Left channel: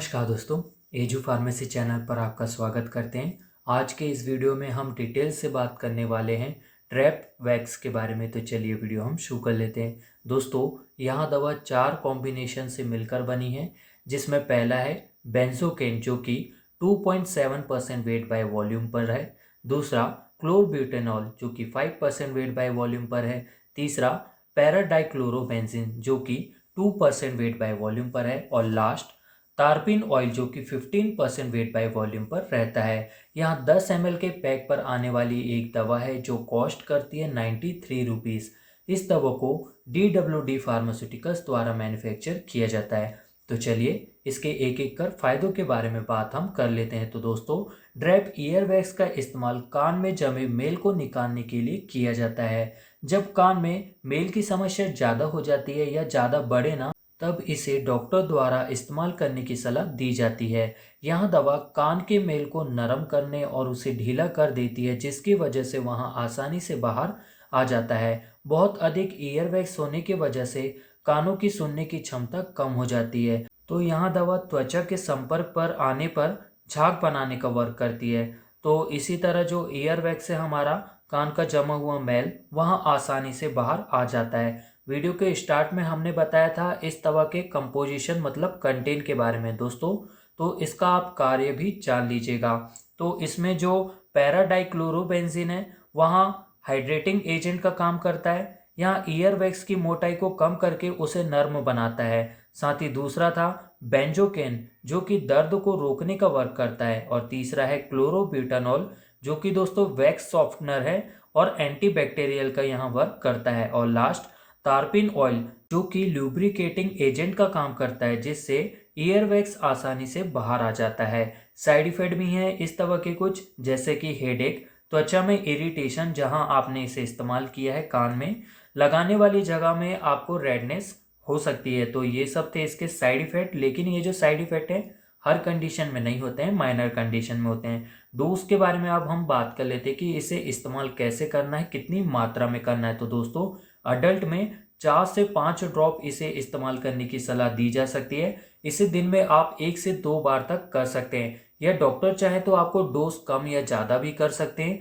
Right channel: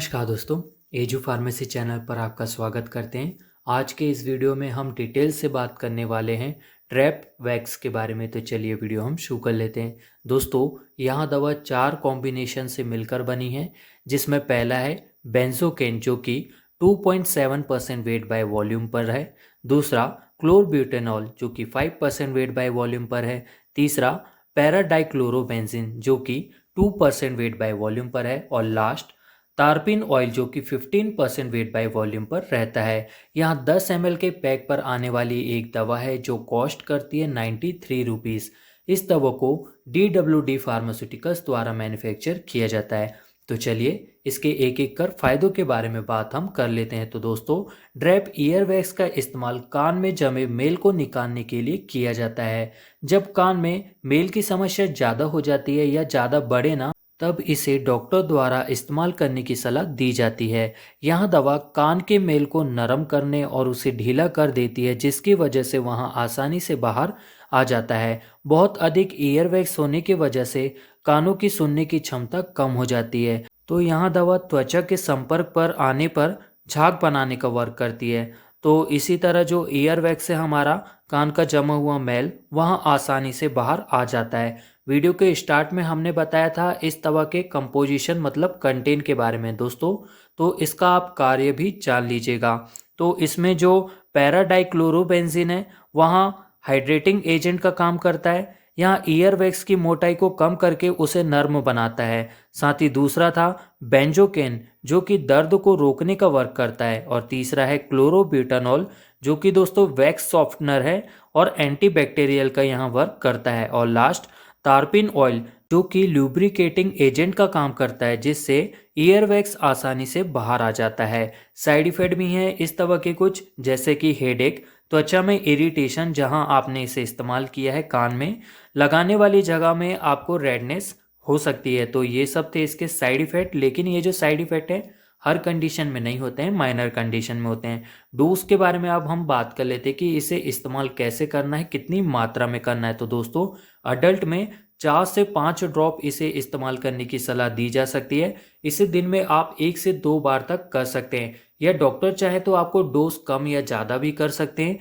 नमस्कार दोस्तों, edu pharmacy channel पर आपका स्वागत करते हैं। आज के इस वीडियो में हम डिटेल से बात करने वाले हैं ट्रैप वैक्स के बारे में। तो चलिए वीडियो हम शुरू कर लेते हैं। दोस्तों, यह दवा 4 कॉम्बिनेशन से मिलकर बनी है, जिसमें पहला है बेंजोकेन जो कि 2.7% वेट बाय वॉल्यूम पर है। दूसरा क्लोरब्यूटेनॉल जो कि 5% वेट बाय वॉल्यूम पर है। तीसरा पैराडाइक्लोरोबेंजीन जो कि 2% वेट बाय वॉल्यूम पर है। और लास्ट तारपिन ऑयल जो कि 15% वेट बाय वॉल्यूम पर रहता है। यहाँ 10 ml के पैक पर आने वाली एक दवा है जो कॉस्ट करती है 93 रुपीज़। इस दवा को DWD फार्मास्यूटिकल्स द्वारा मैन्युफैक्चर किया जाता है। तो चलिए इसके एक एक कर फायदों के बारे में बात हम कर लेते हैं। तो दोस्तों, ड्रैप ईयरवैक्स का इस्तेमाल कान में जमे मेल को निकालने के लिए किया जाता है। जब कान में मेल की समस्या ज़्यादा हो जाती है या ज़्यादा बढ़े ना, तब इसे डॉक्टर द्वारा इस्तेमाल करने की सलाह दी जाती है। यह दवा कान के मेल को नरम करने और उसे ढीला कर देती है, जिसकी वजह से वहाँ आसानी से बाहर आ जाता है। बहुत अधिक ईयरवैक्स होने की वजह से कानों की सुनने की क्षमता कम हो जाती है। तो यह दवा त्वचा के संपर्क पर आने पर झाग बनाने का वर्क करती है। तो इसी तरह जो ईयरवैक्स से हमारा कान का जमा हुआ मैल वहाँ आसानी से बाहर आ जाता है। वीडियो के स्टार्ट में हमने बताया था इस दवा के कंपोजिशन मतलब कंटेंट के बारे में दोस्तों, तो इसका आप कार्य भी जान लीजिएगा। तो इसमें जो पैराडाइक्लोरोबेंजीन है वहाँ हाइड्रेटिंग एजेंट का काम करता है। यहाँ ईयरवैक्स की मोटाई को कम करके उसे नर्म बनाता है। साथ ही दूसरा था बेंजोकेन जो कि दर्द को रोकने का वर्क करता है। और तीसरा है क्लोरोब्यूटानॉल जो कि दोस्तों वैक्स सॉफ्टनर है और एंटीबैक्टीरियल का यहाँ वर्क करता है। और लास्ट तारपिन ऑयल जो कि लुब्रिकेटिंग एजेंट का काम करता है, जिससे ईयरवैक्स आसानी से बाहर आ जाता है। साइड इफेक्ट भी हैं इस दवा के कुछ, जैसे कि हेडेक, त्वचा में इरिटेशन जहां आपने इसे इस्तेमाल किया है कान में, लगाने वाली जगह में आपको रेडनेस हो सकती है। तो ये सब थे इसके साइड इफेक्ट। लेकिन ये जो साइड इफेक्ट है हर कंडीशन में नहीं होते हैं, माइनर कंडीशन में होते हैं। डोज के बारे में अब हम बात कर लेते हैं कि इसे इस्तेमाल कैसे करना है, कितनी मात्रा में करना है। तो दोस्तों, अडल्ट में 4 से 5 ड्रॉप इसे इस्तेमाल करने की सलाह दी जा सकती है। इसे दिन में आप 1 से 2 बार तक कर सकते हैं, या डॉक्टर चाहे तो आपको डोज कम या ज़्यादा भी कर सकते हैं।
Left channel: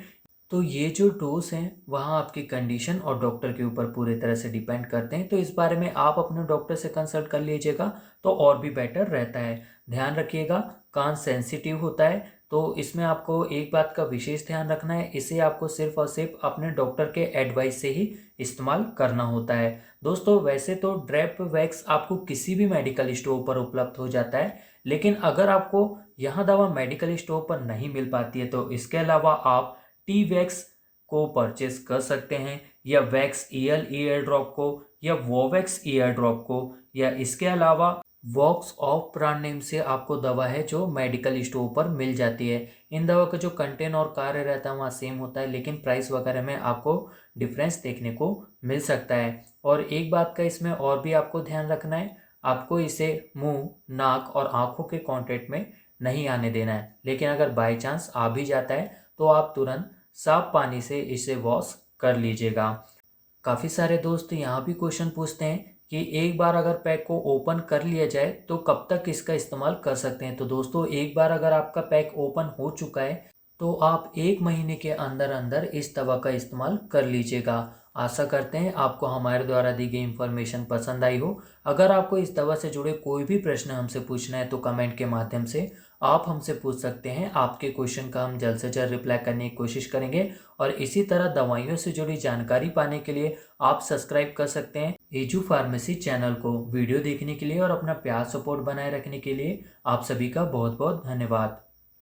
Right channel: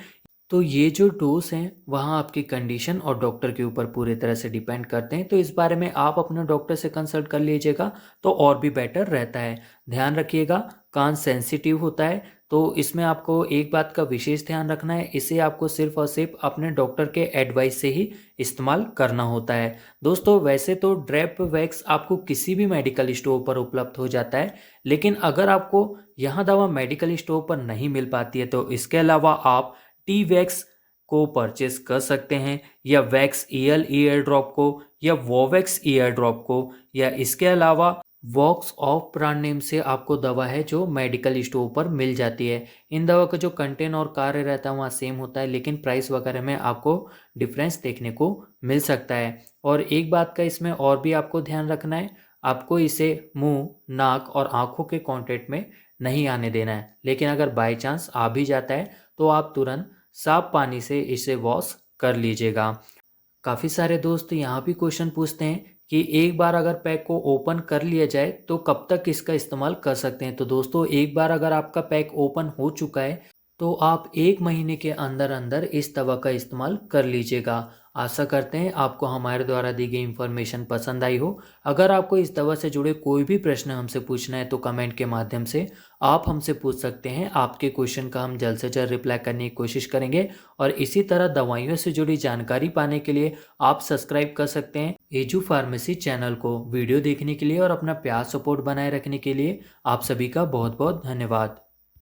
तो ये जो डोज हैं वहाँ आपकी कंडीशन और डॉक्टर के ऊपर पूरी तरह से डिपेंड करते हैं। तो इस बारे में आप अपने डॉक्टर से कंसल्ट कर लीजिएगा तो और भी बेटर रहता है। ध्यान रखिएगा, कान सेंसिटिव होता है, तो इसमें आपको एक बात का विशेष ध्यान रखना है, इसे आपको सिर्फ और सिर्फ अपने डॉक्टर के एडवाइस से ही इस्तेमाल करना होता है। दोस्तों, वैसे तो ड्रैप वैक्स आपको किसी भी मेडिकल स्टोर पर उपलब्ध हो जाता है, लेकिन अगर आपको यह दवा मेडिकल स्टोर पर नहीं मिल पाती है तो इसके अलावा आप टी वैक्स को परचेस कर सकते हैं, या वैक्स ईयर ड्रॉप को, या वोवैक्स ईयर ड्रॉप को, या इसके अलावा वॉक्स ऑफ ब्रांड नेम से आपको दवा है जो मेडिकल स्टोर पर मिल जाती है। इन दवा का जो कंटेंट और कार्य रहता है वहाँ सेम होता है, लेकिन प्राइस वगैरह में आपको डिफरेंस देखने को मिल सकता है। और एक बात का इसमें और भी आपको ध्यान रखना है, आपको इसे मुंह, नाक और आँखों के कांटेक्ट में नहीं आने देना है। लेकिन अगर बाई चांस आ भी जाता है तो आप तुरंत साफ पानी से इसे वॉश कर लीजिएगा। काफ़ी सारे दोस्त यहाँ भी क्वेश्चन पूछते हैं कि एक बार अगर पैक को ओपन कर लिया जाए तो कब तक इसका इस्तेमाल कर सकते हैं। तो दोस्तों, एक बार अगर आपका पैक ओपन हो चुका है तो आप 1 महीने के अंदर अंदर इस दवा का इस्तेमाल कर लीजिएगा। आशा करते हैं आपको हमारे द्वारा दी गई इन्फॉर्मेशन पसंद आई हो। अगर आपको इस दवा से जुड़े कोई भी प्रश्न हमसे पूछना है तो कमेंट के माध्यम से आप हमसे पूछ सकते हैं। आपके क्वेश्चन का हम जल्द से जल्द रिप्लाई करने की कोशिश करेंगे। और इसी तरह दवाइयों से जुड़ी जानकारी पाने के लिए आप सब्सक्राइब कर सकते हैं एजू फार्मेसी चैनल को। वीडियो देखने के लिए और अपना प्यार सपोर्ट बनाए रखने के लिए आप सभी का बहुत बहुत धन्यवाद।